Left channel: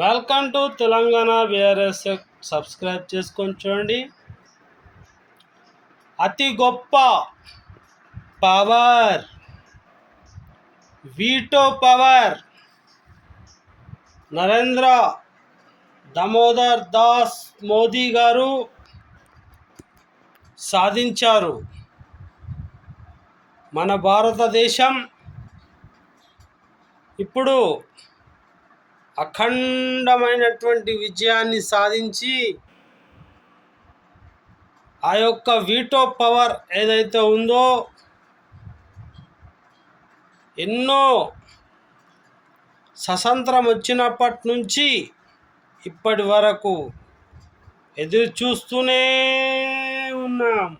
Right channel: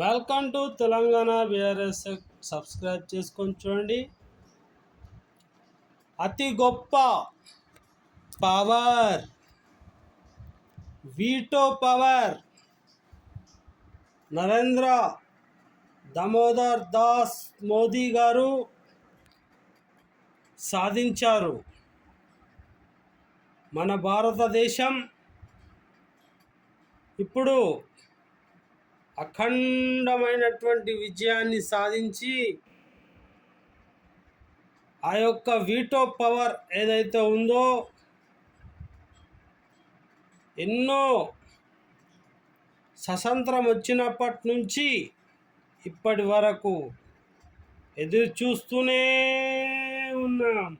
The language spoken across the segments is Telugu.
Welcome to Telangana VRS. Subscribe చేసుకొని చూడండి. అతి గొప్ప power, veto power Narendra Damodar Das Modi గారు సాధించారు. మన భారతదేశం ఇప్పుడు అఖండమైనటువంటి విజయాన్ని సాధించి ఆ యొక్క వీటో పవర్ ఏదైతే ఉందో ఎన్నో స్వతంత్రం వచ్చినప్పటి నుంచి ఇప్పటి వరకు ఎదురు చూస్తూనే ఉన్నాం.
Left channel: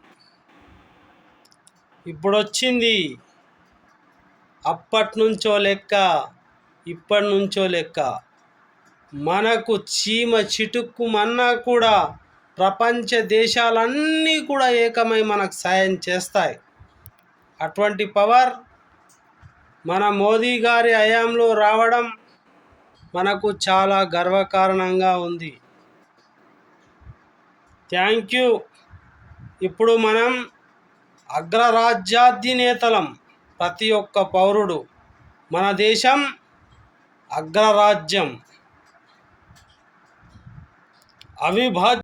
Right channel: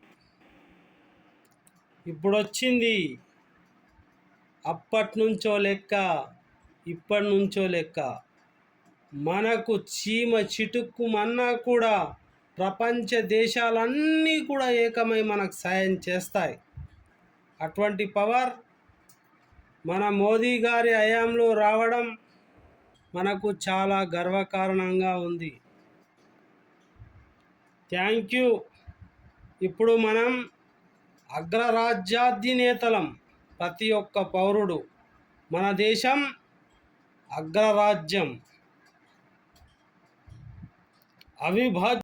ఇప్పుడు వచ్చింది. అప్పటి నుంచో లెక్క, ఇప్పటి నుంచో లెక్క. మనకు చీమ చిటుక్కుమన్నా కూడా ప్రపంచ దేశాలన్నీ కూడా ఏకమై మనకు సాయం చేస్తాయి. అటువంటి పవర్ మన మోదీ గారి హయాంలో రావడం మనకు చాలా గర్వకారణంగా ఉంది. Thank you. ఇప్పుడు మనం అగ్రరాజ్యాధినేతలం. ప్రతి ఒక్క పౌరుడు, మన దేశం అగ్రరాజ్యం, అవిభాజ్య